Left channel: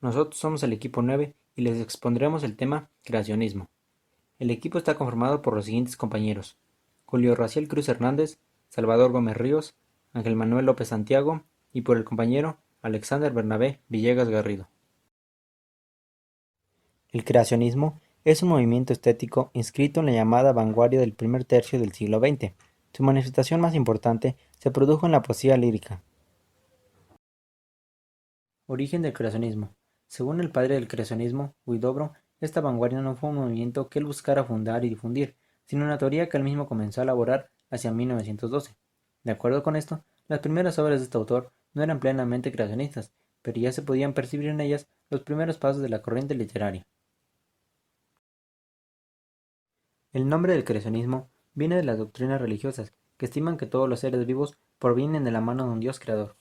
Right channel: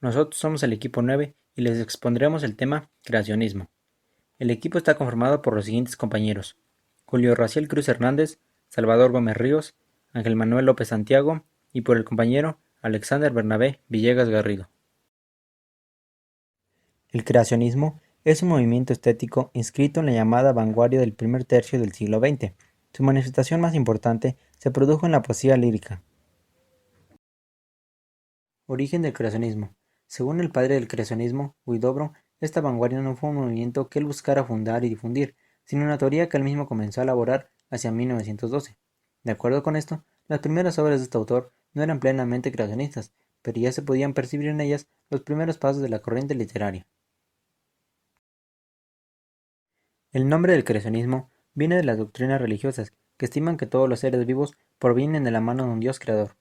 Nosotros somos el equipo 9 y les expondremos el tema creacionismo. El equipo está conformado por los siguientes compañeros: Julio Raciel Cruz Hernández, Salvador Gómez Ríos, Ángel Manuel López Santiago y por el compañero Alexander Bernabé Villegas Garrido. El creacionismo es un movimiento estético inscrito en la llamada vanguardia del primer tercio del siglo XX. Su manifestación más importante se produjo en la poesía lírica. Origen del creacionismo. Según el padre del creacionismo, Huidobro, esta vanguardia no fue un movimiento que él buscara fundar y difundir, sino una teoría que él mismo comenzó a elaborar hacia 1912. De acuerdo con esto, las primeras obras de este autor no eran plenamente creacionistas, pero ya se podían percibir en ellas los primeros pasos de la corriente literaria. El nombre del creacionismo viene de las doctrinas religiosas, que estiman que todos los seres vivos provienen de la mano de un Dios creador.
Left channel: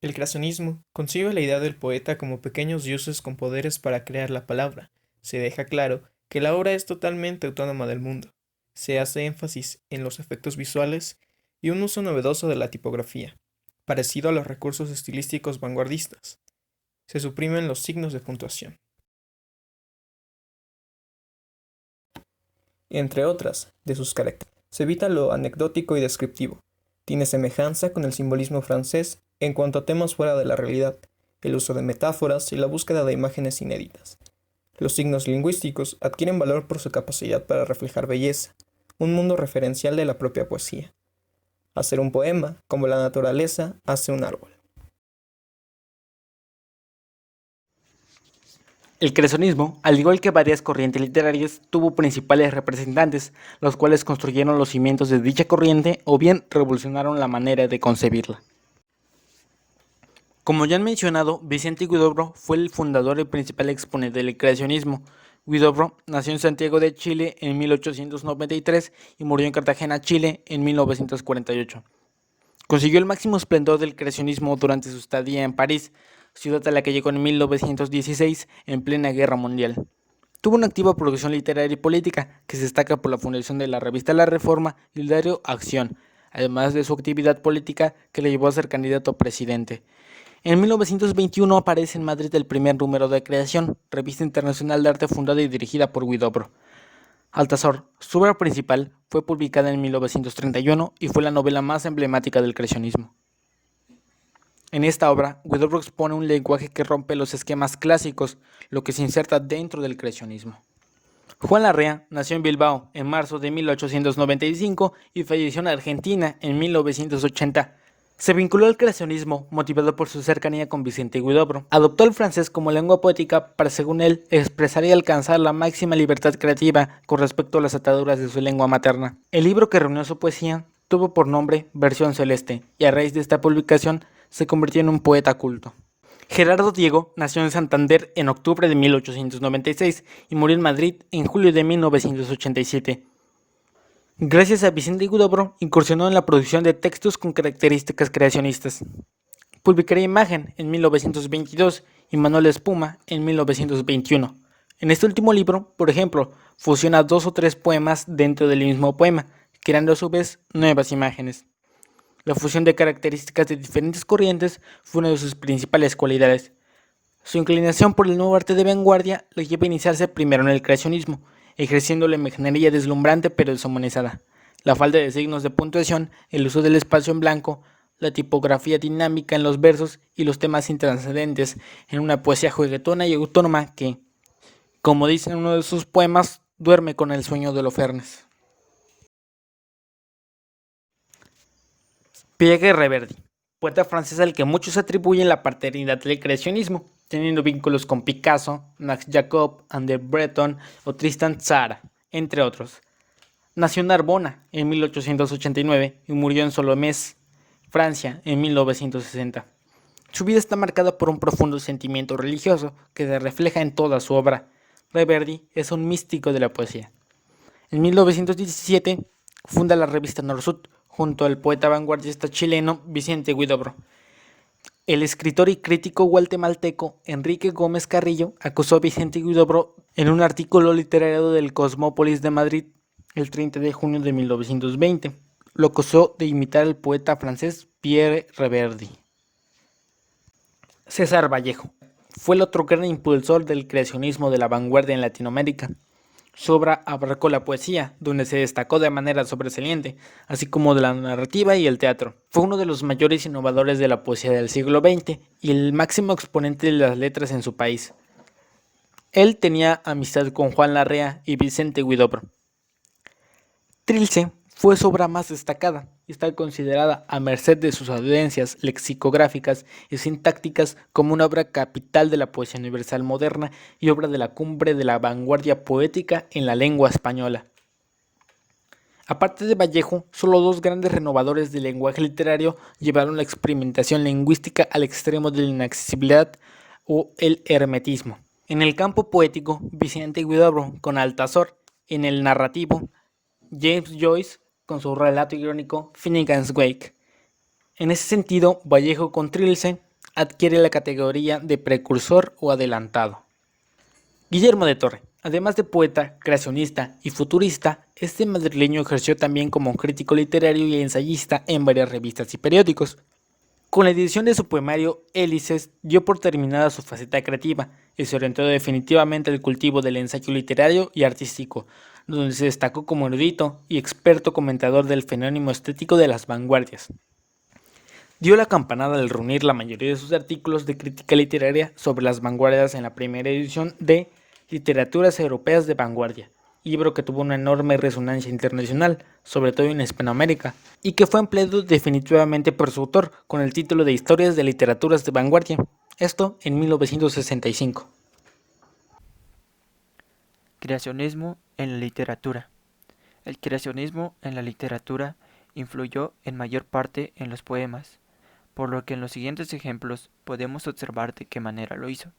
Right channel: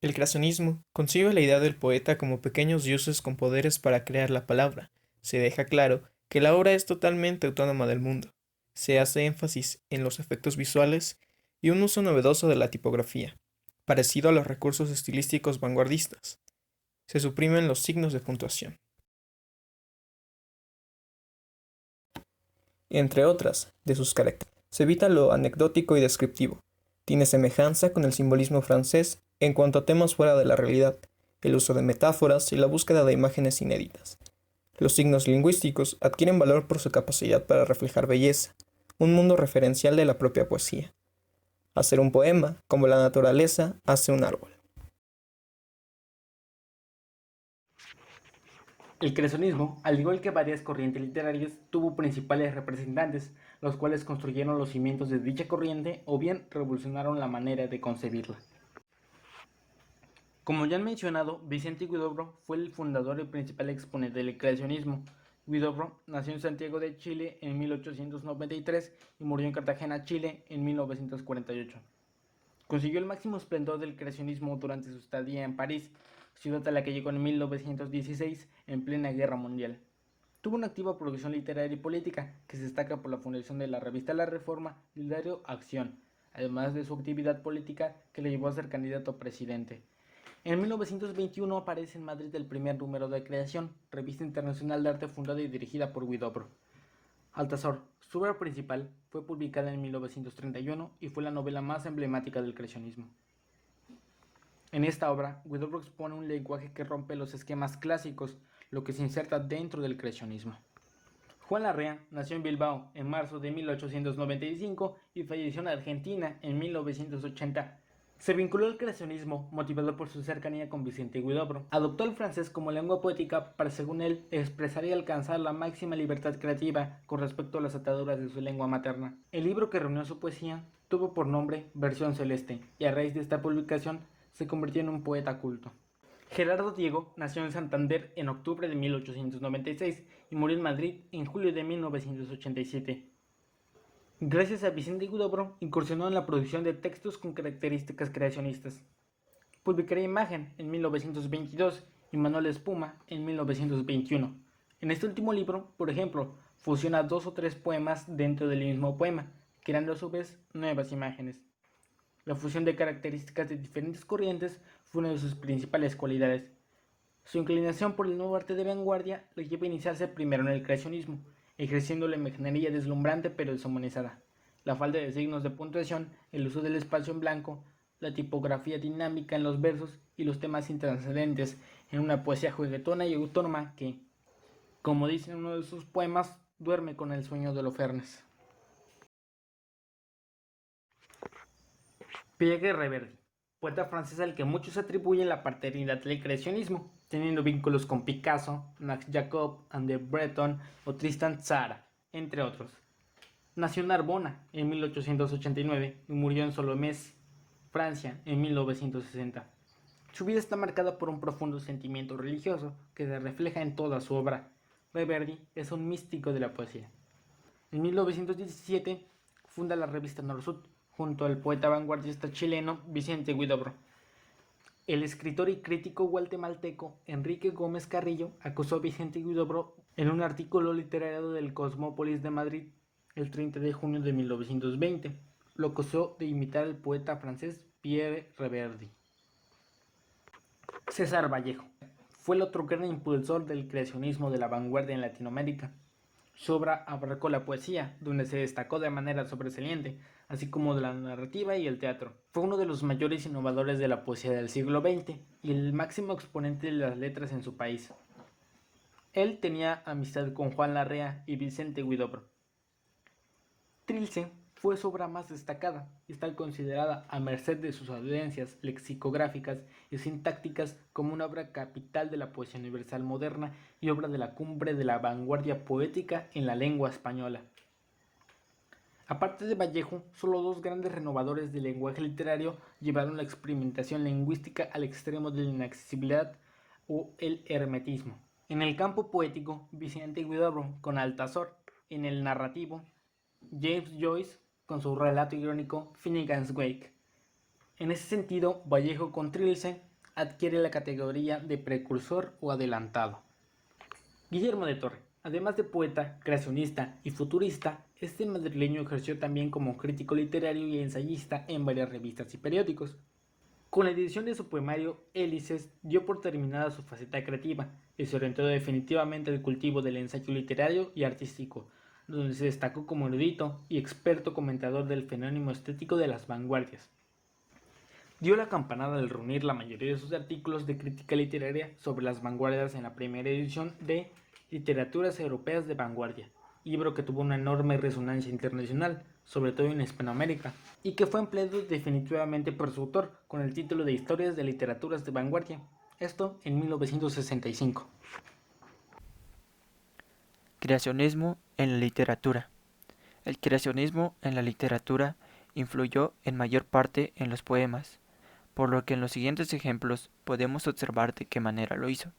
El creacionismo concibe la idea del poeta como pequeños dioses con poderes para crear la palabra. Se deja claro que la obra es totalmente autónoma del mundo. Se hace énfasis en los efectos visuales y un uso novedoso de la tipografía, parecido a los recursos estilísticos vanguardistas. Se suprimen los signos de puntuación. Entre otras de sus características, se evita lo anecdótico y descriptivo. Tiene semejanza con el simbolismo francés en cuanto a temas fuera de la realidad, el uso de metáforas y la búsqueda de imágenes inéditas. Los signos lingüísticos adquieren valor por su capacidad para reflejar belleza, un mundo referencial de la propia poesía. Hacer un poema, como la naturaleza hace un árbol. El creacionismo, al igual que varias corrientes literarias, tuvo principales representantes, los cuales construyeron los cimientos de dicha corriente o bien revolucionaron la manera de concebirla. Como ya han mencionado, Vicente Huidobro fue el fundador y principal exponente del creacionismo. Huidobro nació en Santiago de Chile en 1893 y murió en Cartagena, Chile, en 1948. Consiguió el máximo esplendor del creacionismo durante su estadía en París, ciudad a la que llegó en 1916 en plena Guerra Mundial. Tuvo una activa producción literaria y política que se destaca por la fundación de la revista La Reforma y el diario Acción, además de su actividad política que le llevó a ser candidato a presidente. En 1921 aparece en Madrid el primer número de Creación, revista internacional de arte fundada y dirigida por Huidobro. Altazor, su obra principal, fue publicada en 1931 y fue la novela más emblemática del creacionismo. En esta obra, Huidobro expone un lenguaje que rompe los esquemas clásicos, lo que se inserta dentro del creacionismo. Juan Larrea nació en Bilbao en marzo de 1895 y falleció en Argentina en 1980. Se vinculó al creacionismo motivado por su cercanía con Vicente Huidobro. Adoptó el francés como lengua poética para, según él, expresar y alcanzar la máxima libertad creativa con respecto a las ataduras de su lengua materna. El libro que reunió su poesía tuvo por nombre Versión Celeste y a raíz de esta publicación se convirtió en un poeta culto. Gerardo Diego nació en Santander en octubre de 1896 y murió en Madrid en julio de 1987. Gracias a Vicente Huidobro, incursionó en la producción de textos con características creacionistas. Publicaría Imagen en 1922 y Manuel Espuma en 1921. En este último libro, por ejemplo, fusiona 2 o 3 poemas dentro del mismo poema, creando a su vez nuevas imágenes. La fusión de características de diferentes corrientes fue una de sus principales cualidades. Su inclinación por el nuevo arte de vanguardia le lleva a iniciarse primero en el creacionismo, ejerciendo la imaginería deslumbrante pero deshumanizada, la falta de signos de puntuación, el uso del espacio en blanco, la tipografía dinámica en los versos y los temas intranscendentes en una poesía juguetona y autónoma que, como dice en uno de sus poemas, duerme con el sueño de Holofernes. Pierre Reverdy, poeta francés al que muchos atribuyen la paternidad del creacionismo, teniendo vínculos con Picasso, Max Jacob, André Breton o Tristan Tzara, entre otros. Nació en Narbona en 1889 y murió en Solomés, Francia, en 1960. Su vida está marcada por un profundo sentimiento religioso que se refleja en toda su obra. Reverdy es un místico de la poesía. En 1917 funda la revista Norsut junto al poeta vanguardista chileno Vicente Huidobro. El escritor y crítico guatemalteco Enrique Gómez Carrillo acusó a Vicente Huidobro en un artículo literario del Cosmópolis de Madrid el 30 de junio de 1920. Lo acusó de imitar al poeta francés Pierre Reverdy. César Vallejo fue el otro gran impulsor del creacionismo de la vanguardia en Latinoamérica. Su obra abarcó la poesía, donde se destacó de manera sobresaliente, así como de la narrativa y el teatro. Fue uno de los mayores innovadores de la poesía del siglo XX y el máximo exponente de las letras en su país. Él tenía amistad con Juan Larrea y Vicente Huidobro. Trilce fue su obra más destacada y está considerada, a merced de sus audiencias lexicográficas y sintácticas, como una obra capital de la poesía universal moderna y obra de la cumbre de la vanguardia poética en la lengua española. Aparte de Vallejo, solo dos grandes renovadores del lenguaje literario llevaron la experimentación lingüística al extremo de la inaccesibilidad o el hermetismo. En el campo poético, Vicente Huidobro con Altazor; en el narrativo, James Joyce con su relato irónico Finnegan's Wake. En ese sentido, Vallejo con Trilce adquiere la categoría de precursor o adelantado. Guillermo de Torre, además de poeta, creacionista y futurista, este madrileño ejerció también como crítico literario y ensayista en varias revistas y periódicos. Con la edición de su poemario Hélices dio por terminada su faceta creativa y se orientó definitivamente al cultivo del ensayo literario y artístico, donde se destacó como erudito y experto comentador del fenómeno estético de las vanguardias. Dio la campanada al reunir la mayoría de sus artículos de crítica literaria sobre las vanguardias en la primera edición de Literaturas Europeas de Vanguardia, libro que tuvo una enorme resonancia internacional, sobre todo en Hispanoamérica, y que fue empleado definitivamente por su autor con el título de Historias de Literaturas de Vanguardia, esto en 1965. Creacionismo en la literatura. El creacionismo en la literatura influyó en mayor parte en los poemas, por lo que en los siguientes ejemplos podemos observar de qué manera lo hizo.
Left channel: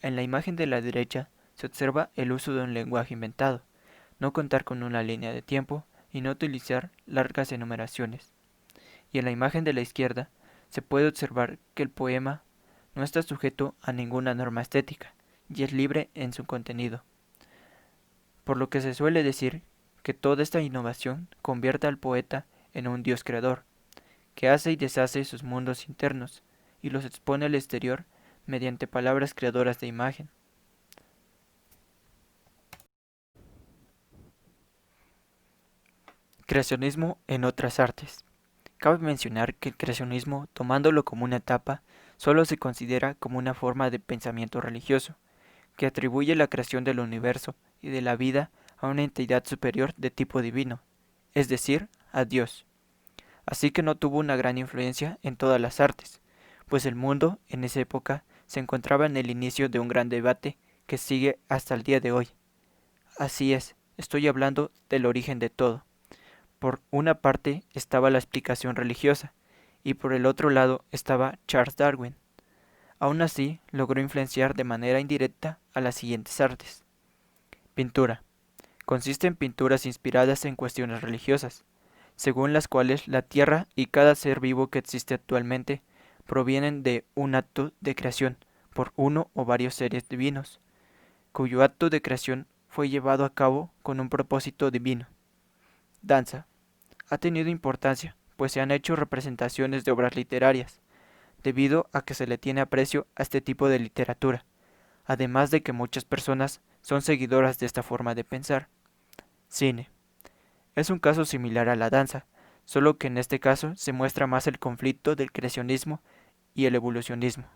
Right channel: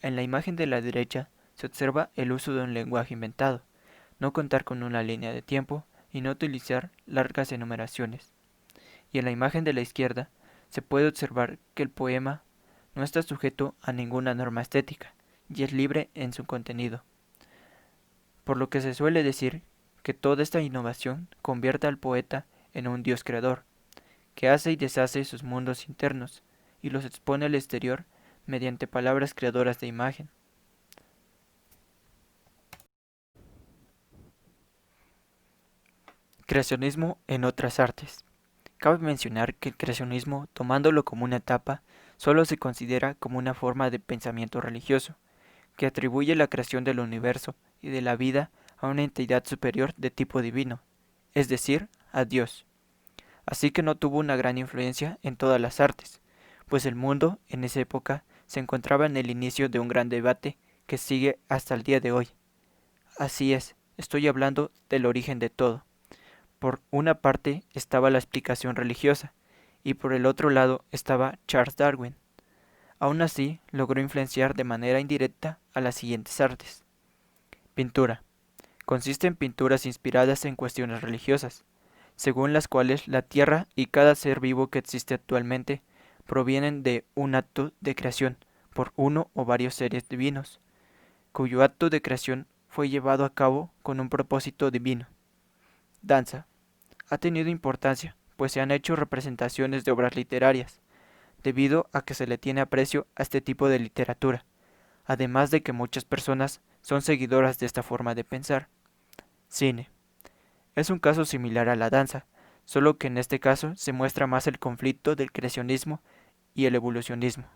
En la imagen de la derecha se observa el uso de un lenguaje inventado, no contar con una línea de tiempo y no utilizar largas enumeraciones. Y en la imagen de la izquierda se puede observar que el poema no está sujeto a ninguna norma estética y es libre en su contenido. Por lo que se suele decir que toda esta innovación convierte al poeta en un dios creador, que hace y deshace sus mundos internos y los expone al exterior mediante palabras creadoras de imagen. Creacionismo en otras artes. Cabe mencionar que el creacionismo, tomándolo como una etapa, solo se considera como una forma de pensamiento religioso, que atribuye la creación del universo y de la vida a una entidad superior de tipo divino, es decir, a Dios. Así que no tuvo una gran influencia en todas las artes, pues el mundo en esa época se encontraba en el inicio de un gran debate que sigue hasta el día de hoy. Así es, estoy hablando del origen de todo. Por una parte estaba la explicación religiosa, y por el otro lado estaba Charles Darwin. Aún así, logró influenciar de manera indirecta a las siguientes artes. Pintura. Consiste en pinturas inspiradas en cuestiones religiosas, según las cuales la Tierra y cada ser vivo que existe actualmente provienen de un acto de creación por uno o varios seres divinos, cuyo acto de creación fue llevado a cabo con un propósito divino. Danza. Ha tenido importancia, pues se han hecho representaciones de obras literarias, debido a que se le tiene aprecio a este tipo de literatura, además de que muchas personas son seguidoras de esta forma de pensar. Cine. Es un caso similar a la danza, solo que en este caso se muestra más el conflicto del creacionismo y el evolucionismo.